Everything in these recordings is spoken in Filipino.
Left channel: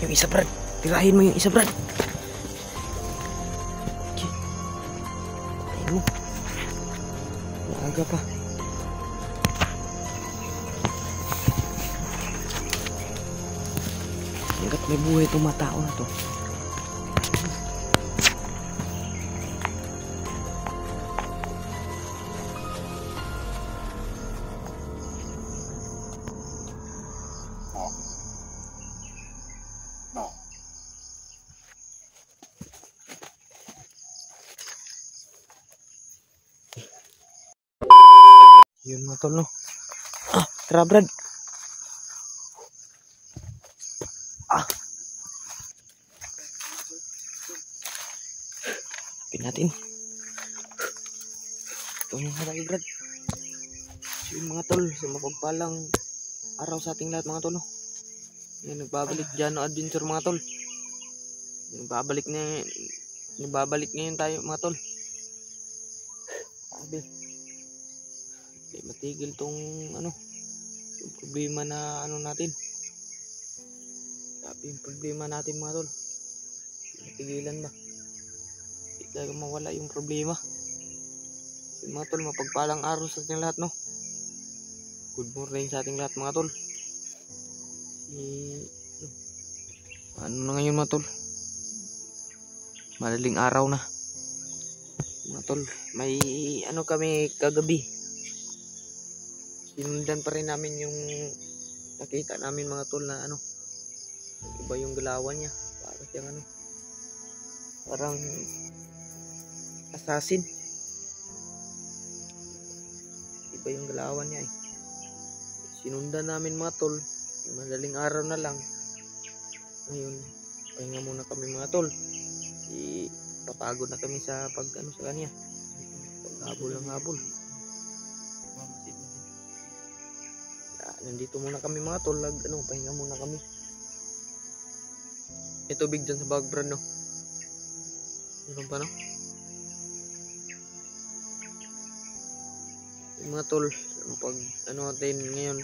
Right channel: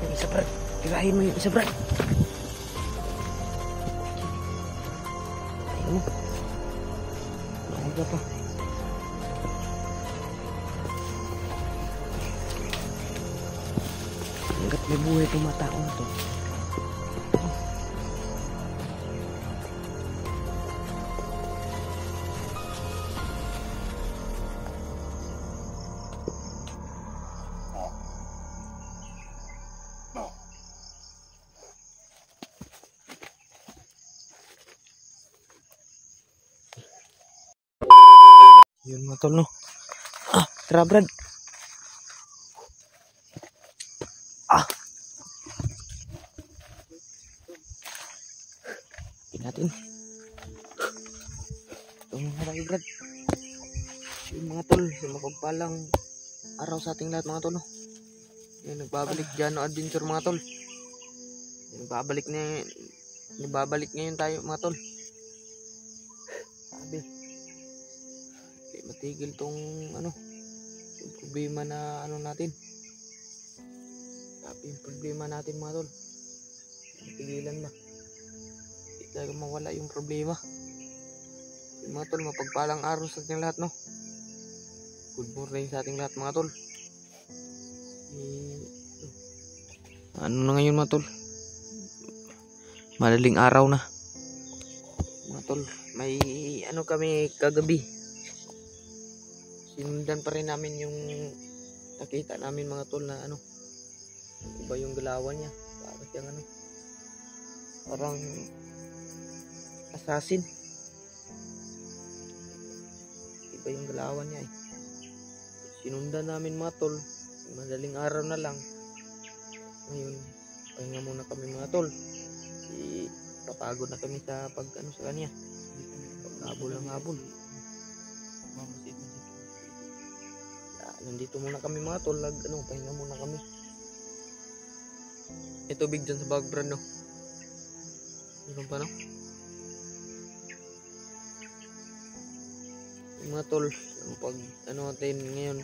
Yung isa, Brad. Tirahin mo yung isa, Brad. Okay. Ayun mo. Maaga pa. Hanggat may buhay itong mga tao na to. Yun mga tol, no? Tara, Brad. Pin natin. Ito mga tayo, Brad. So, yun mga tol, sa mapagpalang araw sa ating lahat mga tol, no? Yan, nagbabalik Jano Adventure mga tol. Yan, nagbabalik ngayon tayo mga tol. Sabi, di matigil tong yung problema na natin. Sabi yung problema natin mga tol. Tigilan ba? Hindi talaga mawala yung problema. Yung mga tol, mapagpalang araw sa ating lahat, no? Good morning sa ating lahat mga tol. Ano na ngayon mga tol? Madaling araw na. Mga tol, may kami kagabi. Sinundan pa rin namin yung nakita namin mga tol na iba yung galawan niya. Para siyang parang assassin. Iba yung galawan niya eh. Sinundan namin mga tol. Madaling araw na lang. Ngayon, pahinga muna kami mga tol. Papagod na kami sa sa kanya. Paghabol ng habol. Nandito muna kami mga tol. Pahinga muna kami. May tubig dyan sa background, no? Meron pa, no? Yung mga tol, pag natin ngayon,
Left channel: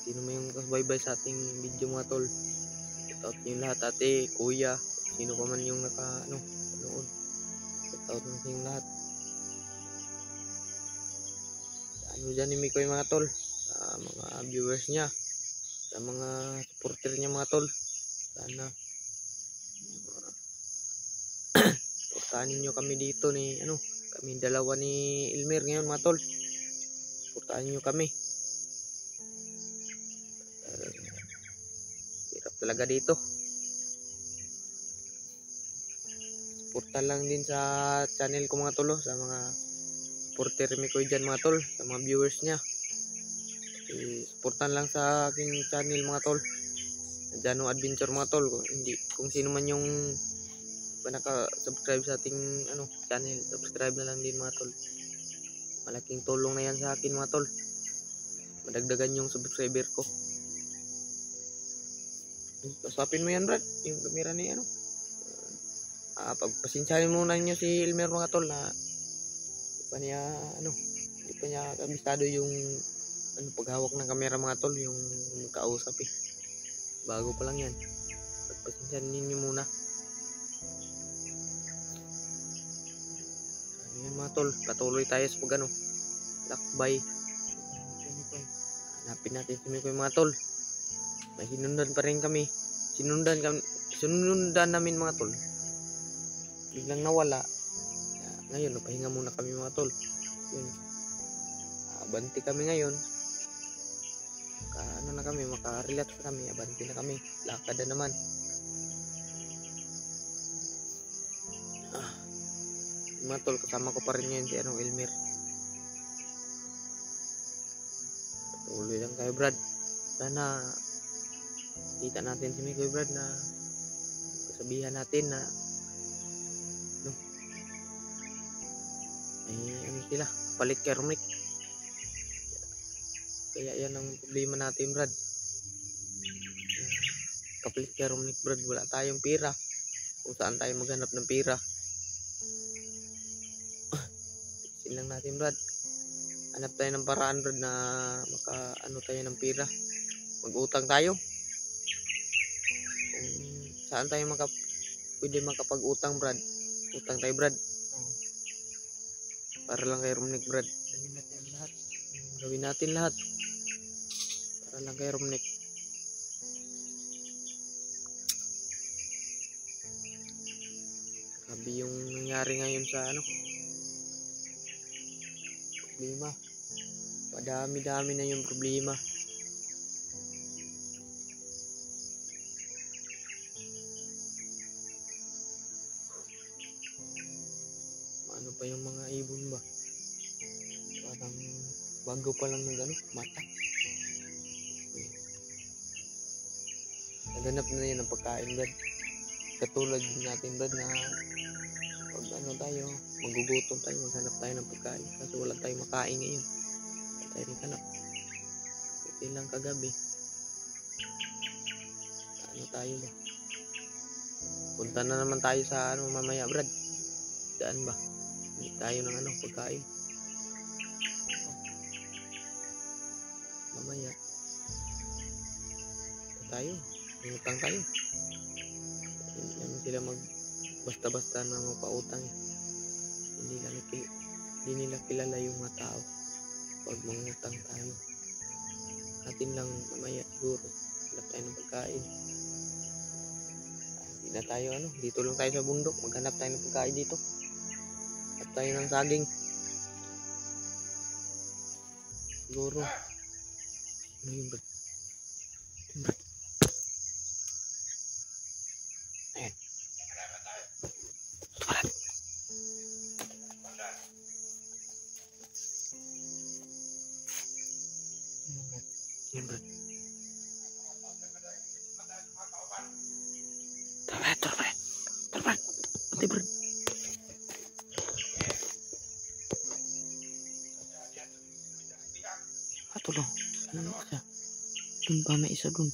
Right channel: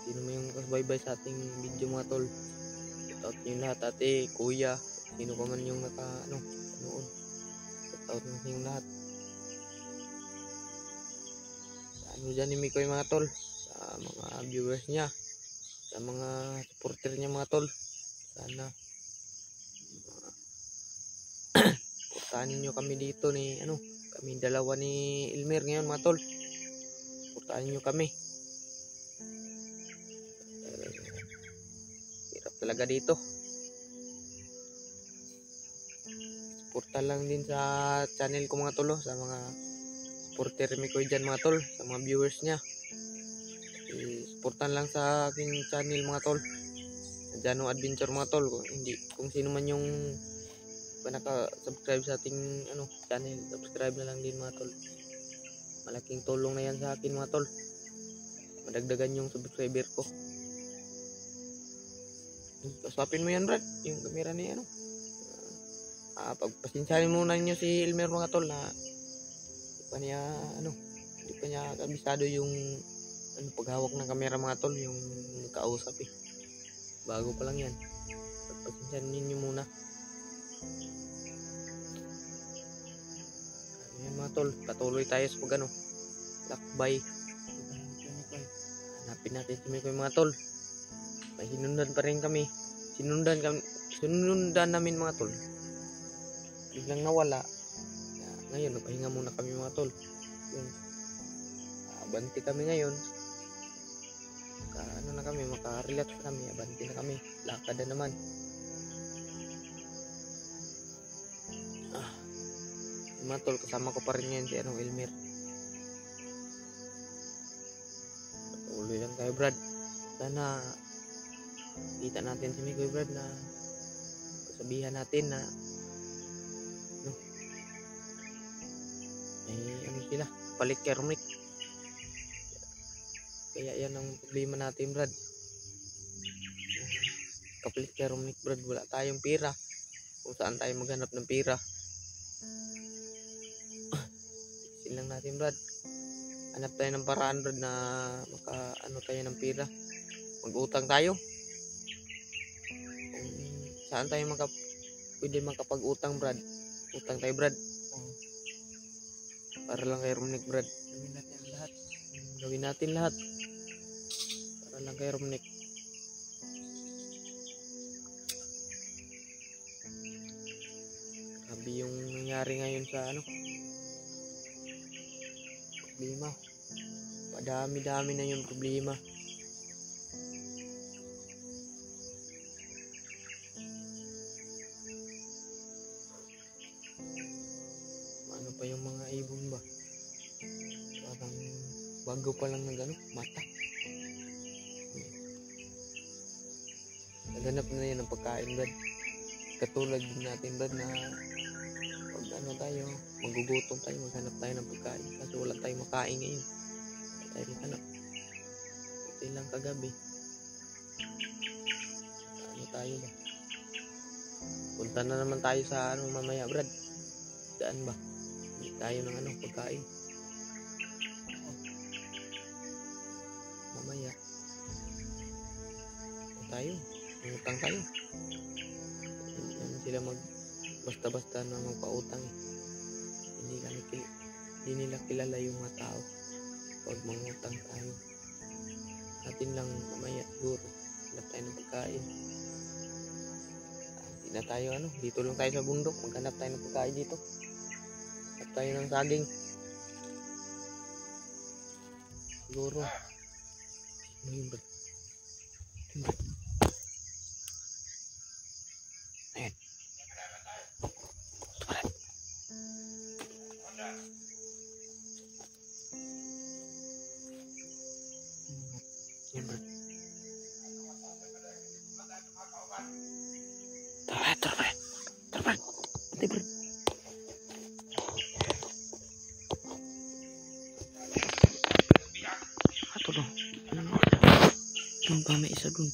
sino may yung kasbaybay sa ating video mga tol. Shout out yung lahat, ate, kuya, sino pa man yung panood. Shout out na yung lahat. Dyan ni Mikoy mga tol, sa mga viewers niya, sa mga supporter niya mga tol. Sana supportahan niyo kami dito ni kami dalawa ni Elmer ngayon mga tol. Supportahan niyo kami. Hirap talaga dito. Suporta lang din sa channel ko mga tol, sa mga supporter Mikoy dyan mga tol, sa mga viewers niya. Suportahan lang sa aking channel mga tol, Jano Adventure mga tol. Kung sino man yung naka-subscribe sa ating channel, subscribe na lang din mga tol. Malaking tulong na yan sa akin mga tol. Madagdagan yung subscriber ko. Kasapin mo yan Brad, yung camera ni pagpasensyahin muna niyo si Elmer mga tol na hindi pa niya kabisado yung paghawak ng camera mga tol, yung kausap eh. Bago pa lang yan. Pagpasensyahin niyo muna. Ayan mga tol, patuloy tayo sa lakbay. Hanapin natin si Mikoy mga tol. May sinundan pa rin kami. Sinundan namin mga tol. Biglang nawala. Ngayon, pahinga muna kami mga tol. Yun. Abanti kami ngayon. Maka-relax kami. Abanti na kami. Lakad na naman. Mga tol, kasama ko pa rin ngayon si Elmer. Patuloy lang kayo Brad. Sana kita natin si Mikoy Brad na kasabihan natin na may sila palit kay Romnick. Kaya yan ang problema natin Brad. Kapalit kay Romnick Brad, wala tayong pira. Kung saan tayo maghanap ng pira. Tisin lang natin Brad. Hanap tayo ng paraan Brad na tayo ng pira. Mag-utang tayo. Saan tayo pwede makapag-utang, Brad? Utang tayo, Brad. Para lang kay Romnick, Brad. Gawin natin lahat. Para lang kay Romnick. Grabe yung nangyari ngayon sa problema. Padami-dami na yung problema. Ano pa yung mga ibon ba? Parang bago pa lang mata. Naganap na yan ng pagkain, Brad. Katulad din natin, Brad, na pag tayo, magugutom tayo, maghanap tayo ng pagkain. Kaso wala tayong makain ngayon. Wala tayo maghanap. Ito lang kagabi. Tayo ba? Punta na naman tayo sa mamaya, Brad. Daan ba? Hindi tayo ng pagkain. Mamaya. Tayo. Utang tayo. Hindi naman sila basta-basta na magpautang eh. Hindi nila kilala yung mga tao pag mangutang tayo. Atin lang mamaya siguro. Hanap tayo ng pagkain. Hindi na tayo dito lang tayo sa bundok. Maghanap tayo ng pagkain dito. Hanap tayo ng saging. Siguro. Ano yun, Brad? Ayan. Brad. Ayan, Brad. Tara, Brad. Ate, Brad. Ato dong. Doon pa may isa doon.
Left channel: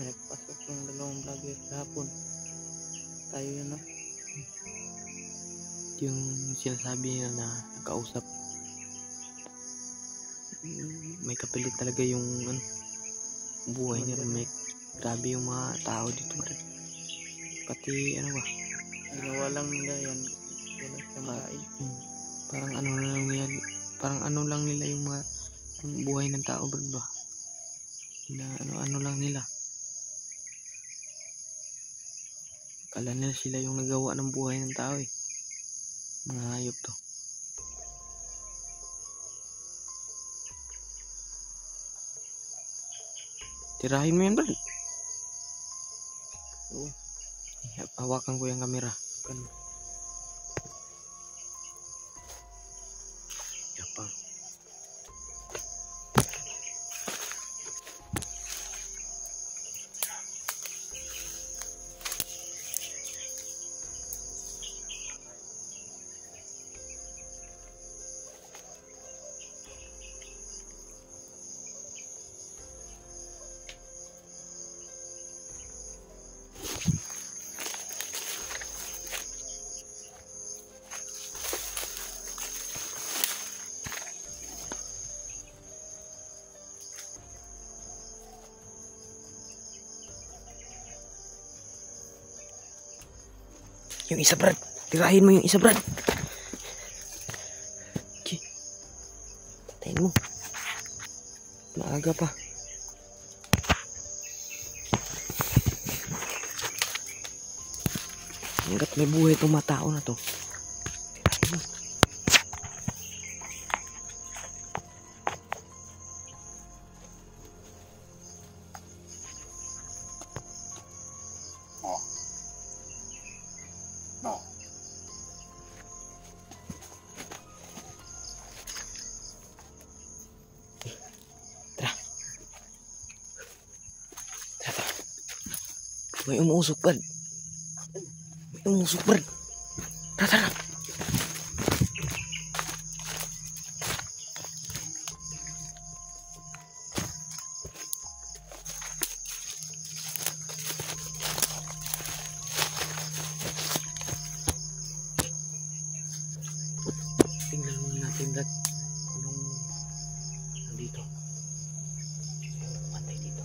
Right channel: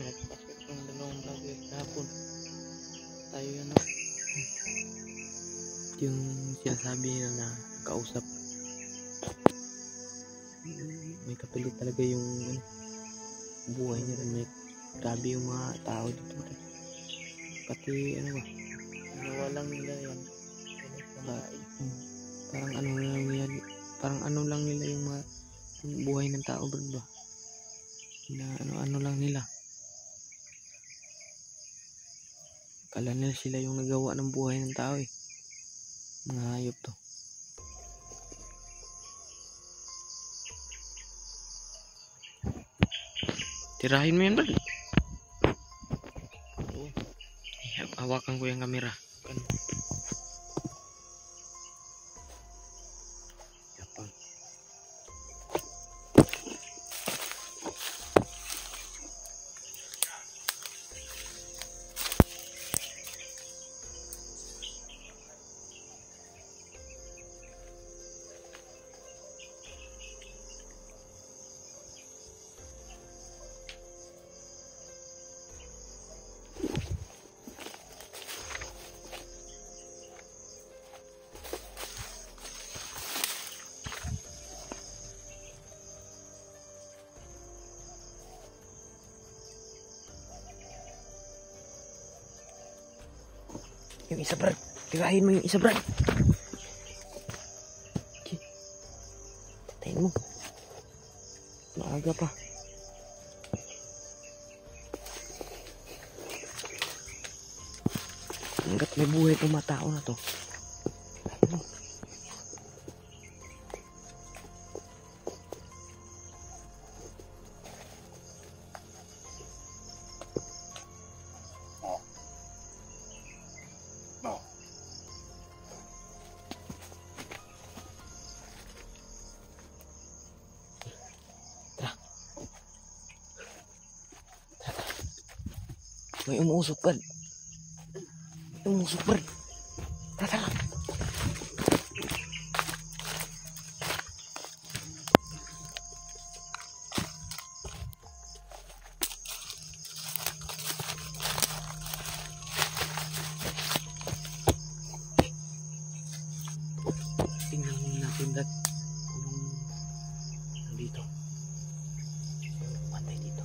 Nagpasok yung dalawang vlogger kahapon. Tayo yun yung sinasabi nila na nakausap. May kapilit talaga yung buhay niya. May grabe yung mga tao dito. Pati ba? Walang nila yan. Parang lang nila yung mga yung buhay ng tao, Brad ba? Na lang nila. Kala nila sila yung nagawa ng buhay ng tao eh. Mga hayop to. Tirahin mo yan, Brad. Hawakan ko yung kamera. Yapang. Yung isa, Brad. Tirahin mo yung isa, Brad. Okay. Patayin mo. Maaga pa. Hanggat may buhay itong mga tao na to. May umuusok, Brad. May umuusok, Brad. Tara. Tingnan natin, Brad. Anong nandito? Matay dito.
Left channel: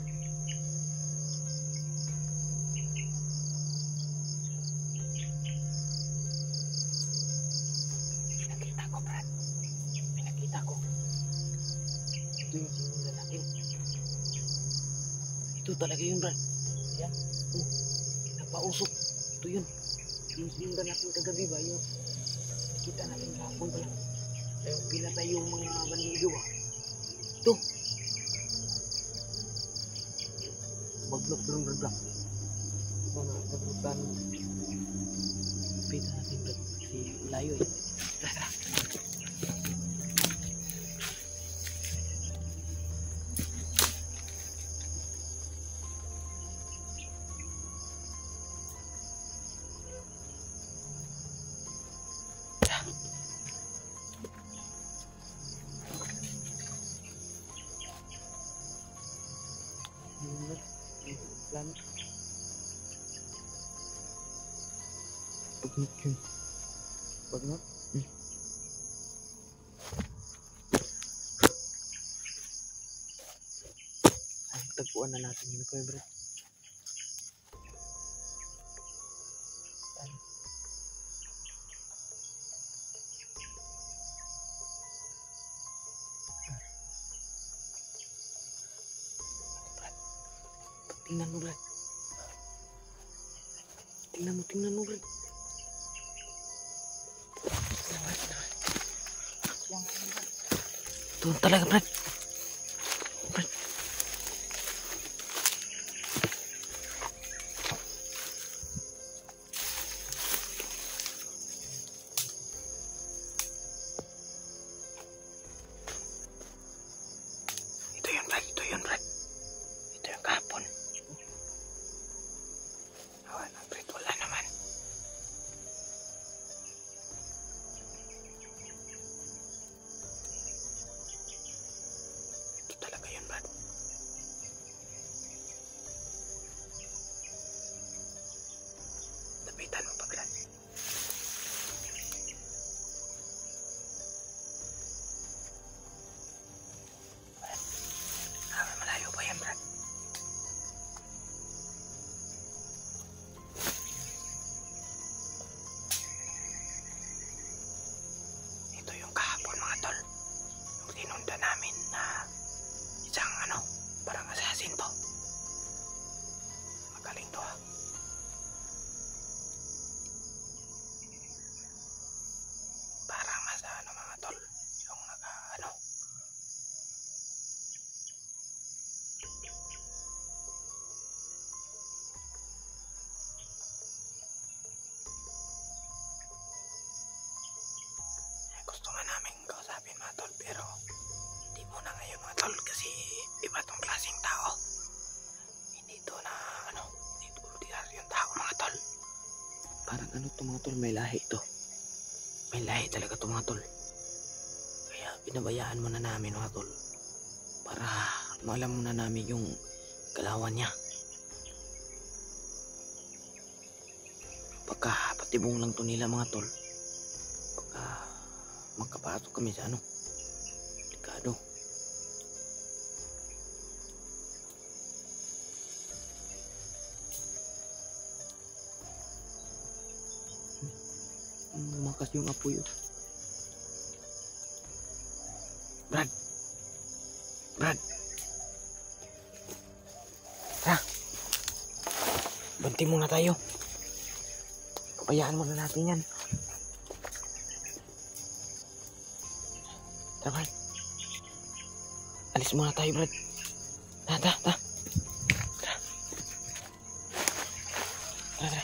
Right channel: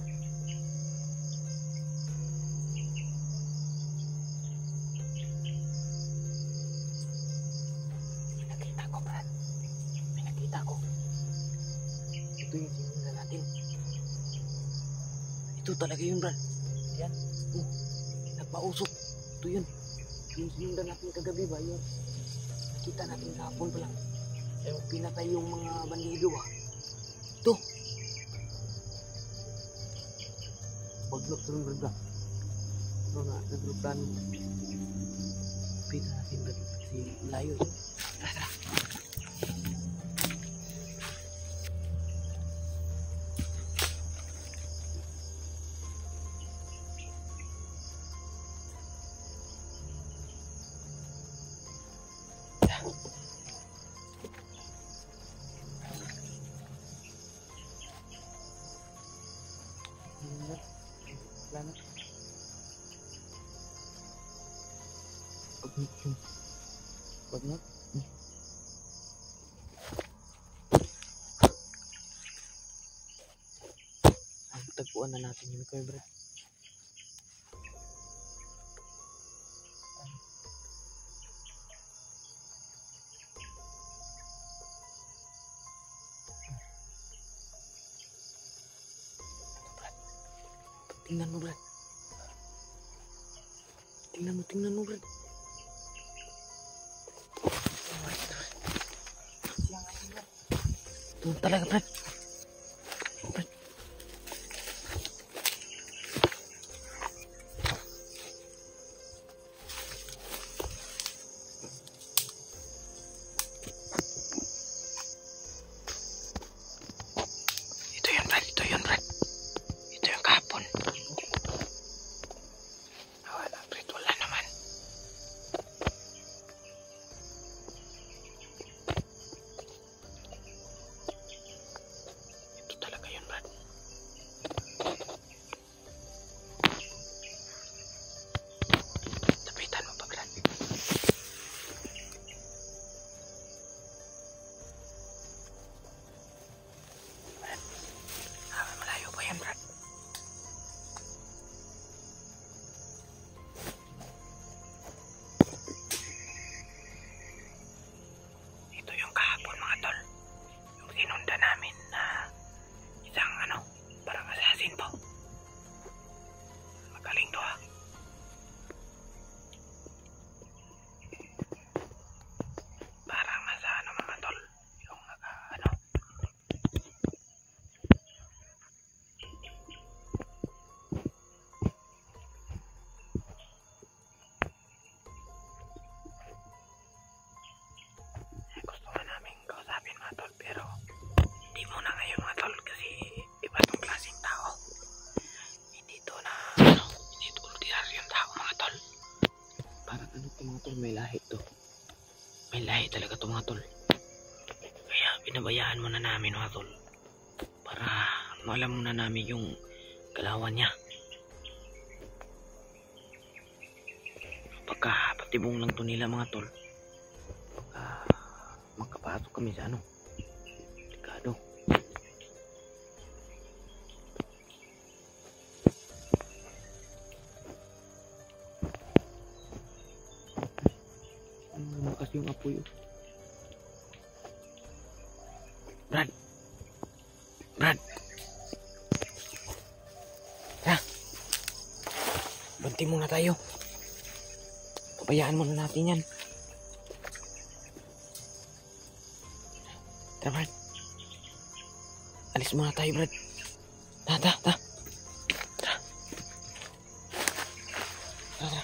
Ito yung sinundan natin. Ito talaga yun, Brad. Yan. Nagpausok. Ito yun. Yung sinundan natin kagabi ba? Yung nakita natin kahapon pala. Yung pinatay yung mga bandido ba? Ito. Baglok turun, Brad. Ito nga, naglutan. Pita natin, Brad. Kasi layo eh. Tara. Bagnot. Tagpuan na natin yung Kuya Brad. Tingnan mo, Brad. Tingnan mo, Brad. Ito talaga, Brad. Brad. Ito yun, Brad. Ito yung kahapon. Wala, Brad. Wala naman. Ito talaga yun, Brad. Tapitan mo pa, Brad. Malayo pa yan, Brad. Ito yung kahapon, mga tol. Yung sinundan namin na isang parang assassin po. Magaling to, ha. Parang nasa mga tol. Yung gusto nga namin kausapin, mga tol, pero di muna ngayon, mga tol, kasi iba tong klaseng tao. Hindi to ordinaryong tao, mga tol. Parang to, mga tol, may lahi to. May lahi talaga to, mga tol. Kaya binabayaan muna namin, mga tol, para maalam muna namin yung galawan niya. Pagka patibong lang to nila, mga tol, pagka magkapasok kami sa delikado. Lumakas yung apoy. Brad. Tara. Banti muna tayo. Pabayaan muna natin yan. Tara, Brad. Alis muna tayo, Brad. Ta. Tara. Tara.